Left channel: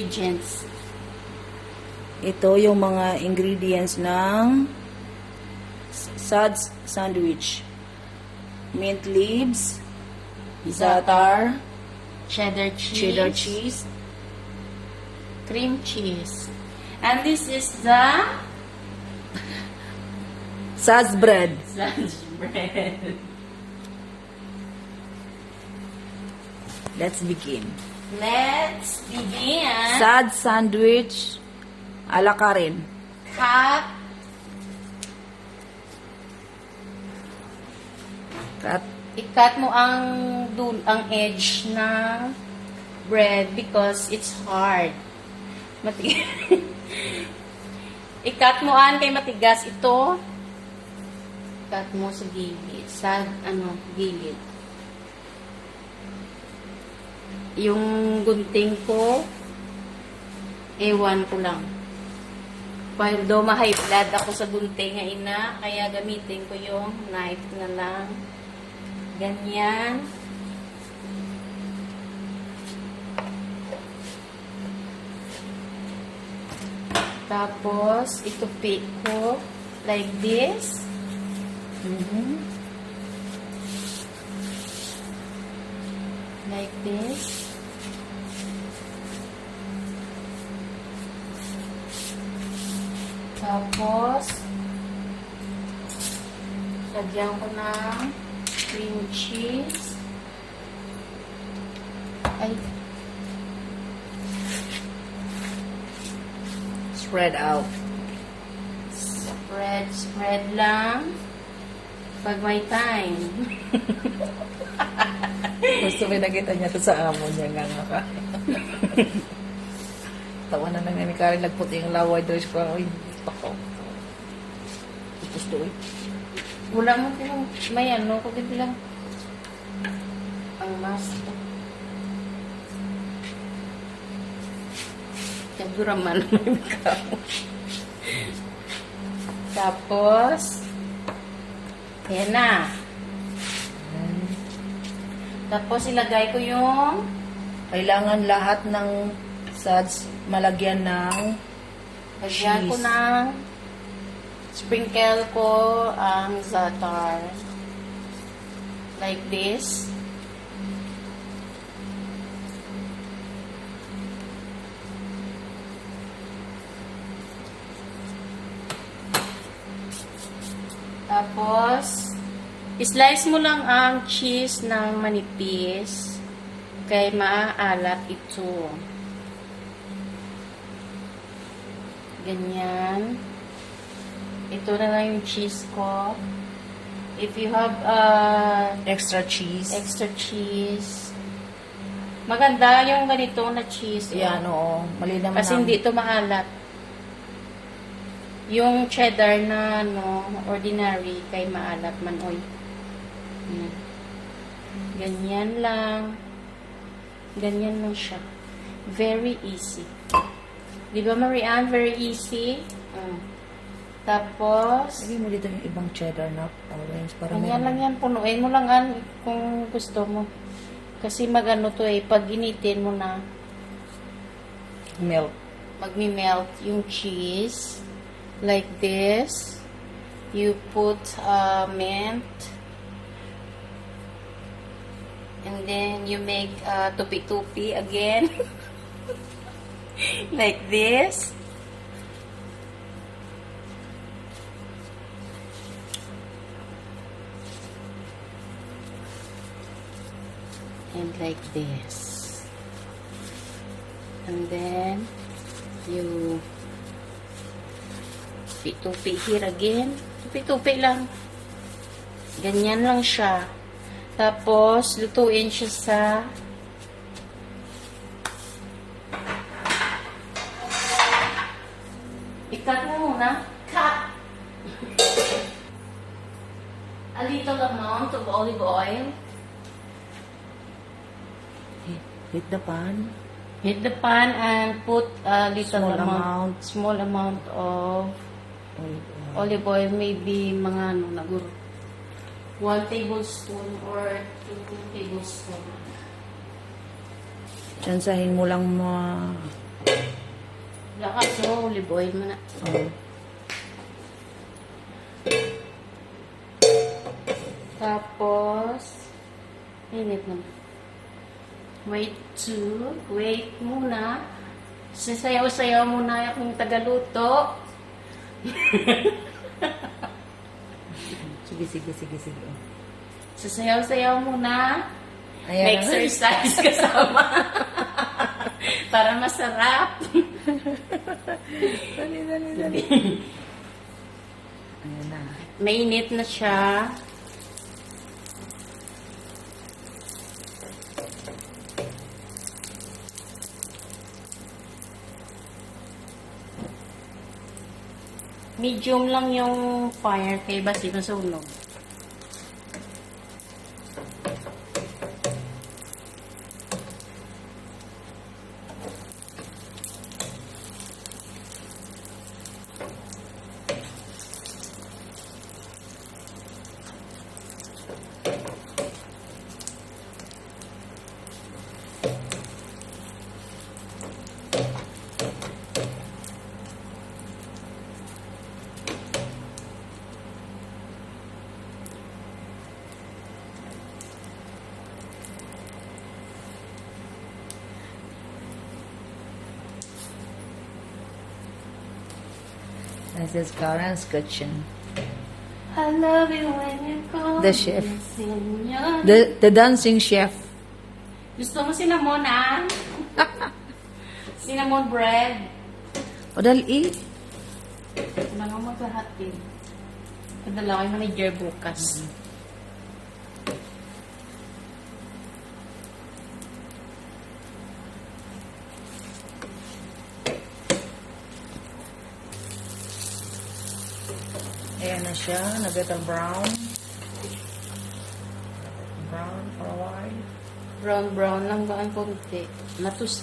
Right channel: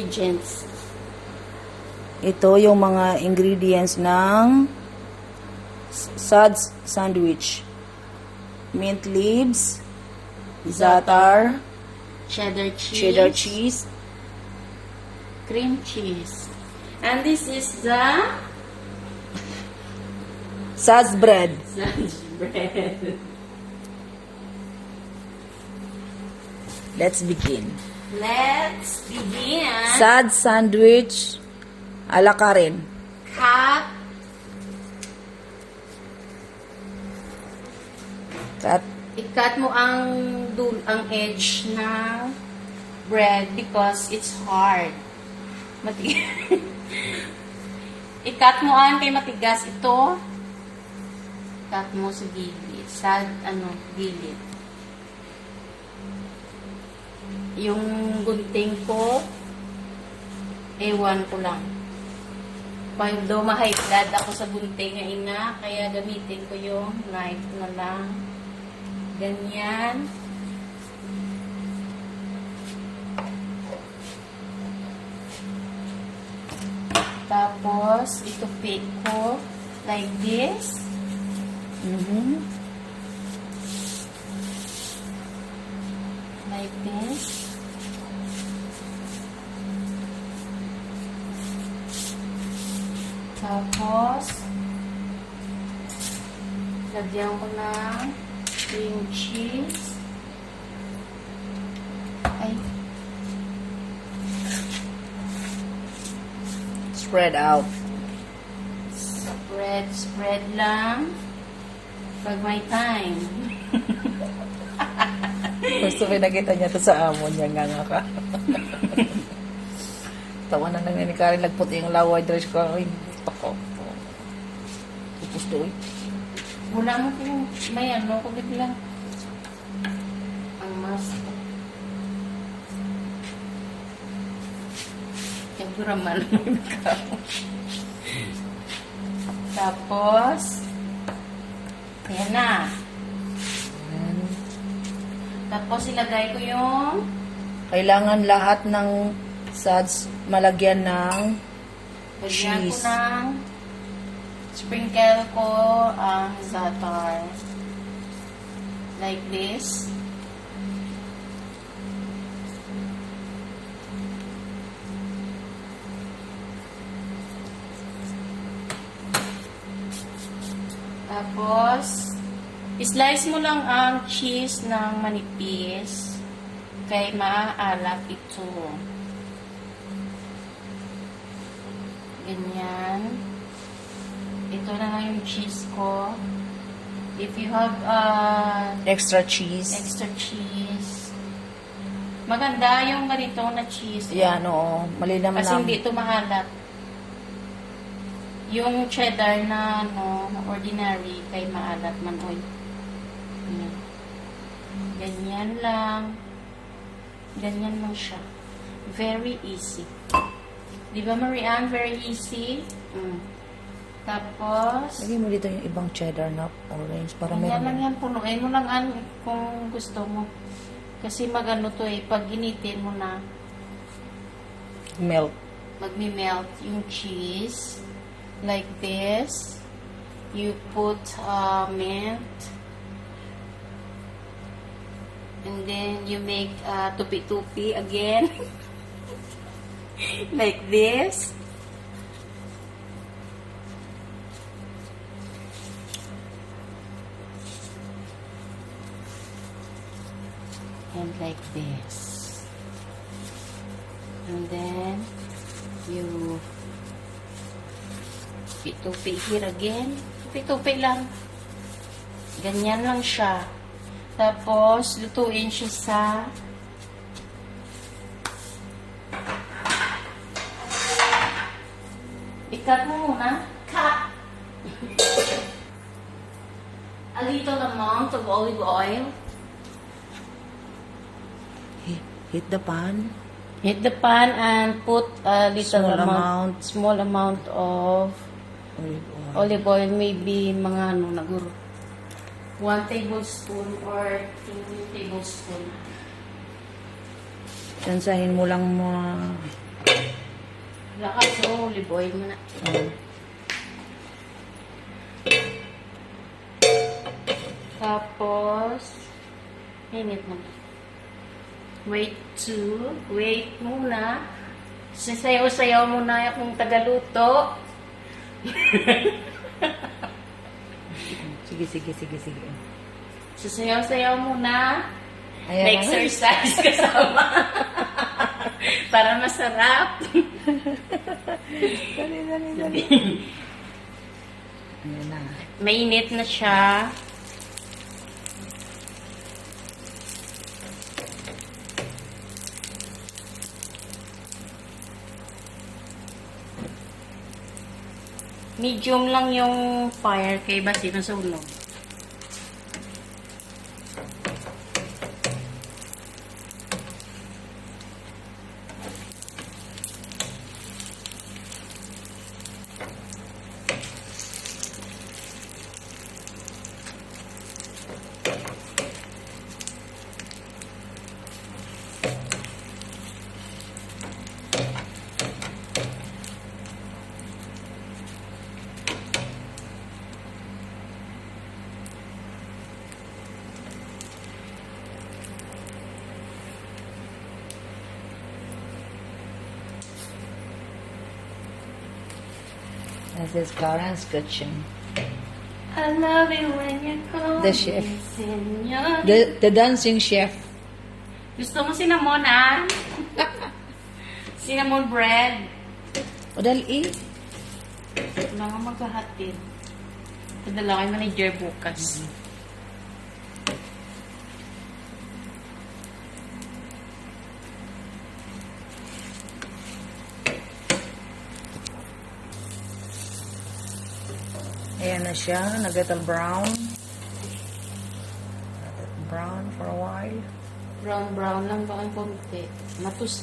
Ingredients. Ito yung mga ingredients ng Suds sandwich. Mint leaves, za'atar, Cheddar cheese. cheddar cheese, Cream cheese. And this is the Suds bread. Suds bread. Let's begin. Let's begin. Suds sandwich ala Karen. Cut. I-cut mo ang edge ng bread because it's hard. I-cut mo kay matigas ito. Cut mo sa gilid. Gilid. Yung gunting ko, ewan ko lang. Although ma-high blood ako sa gunting na ina, kaya gamitin ko yung knife na lang. Ganyan. Tapos, itupi ko like this. Like this. Tapos, lagyan ko ng cream cheese. Ay. Spread out. Spread lang. Pag may time. Gusto ko nakita niya ito sa amo niya nga ka. Tawa na nang yun ka, lagpot yung lawa dress ko. Ay, pako. Tapos doon. Wala mo kung may kagad lang. Ang mask. Kaguraman ka. Tapos, ayan na. Tapos, ilagay ko yung Kailangan lahat ng suds malagyan ng lagyan ko cheese. ng sprinkle ko ang za'atar. Like this. Tapos, slice mo lang ang cheese ng manipis kay maaalat ito. Ganyan. Ito na lang yung cheese ko. If you have Extra cheese. extra cheese, maganda yung ganito na cheese. Yan, oo. Mali naman. Kasi hindi ito maalat. Yung cheddar na ordinary kay maalat man oy. Yan. Ganyan lang. Ganyan lang siya. Very easy. Di ba, Marianne? Very easy. Tapos, Lagyan mo dito yung ibang cheddar na orange para may ganyan lang yan. Punuin mo lang kung gusto mo. Kasi magano to pag initin mo na, milk. magmi-melt yung cheese. Like this. You put mint. And then you make tupi-tupi again. Like this. And like this. And then you tupi-tupi here again. Tupi-tupi lang. Ganyan lang siya. Tapos, lutuin siya sa ikat mo muna. Cut! A little amount of olive oil. Hit the pan. Hit the pan and put a little small amount of olive oil. Maybe mga naguro 1 tablespoon or 2 tablespoon. Tsansahin mo lang oil muna. Tapos, init mo. Wait muna. Sasayaw-sayaw muna akong tagaluto. Sige. Sasayaw-sayaw muna. Ayan. Exercise kasama. Para masarap. Dali. Ayan na. Mainit na siya. Medium lang yung fire kay basi nasunog. This is Karen's kitchen. I love you when you call The chef. me senor. The dancing chef. Gusto mo cinnamon, ah? Cinnamon bread. O dali. Wala nga maghahatid. Padala kay manager bukas. Ayan na siya. Nag-gettle brown. Brown for a while. Brown lang ba ang konti. Natus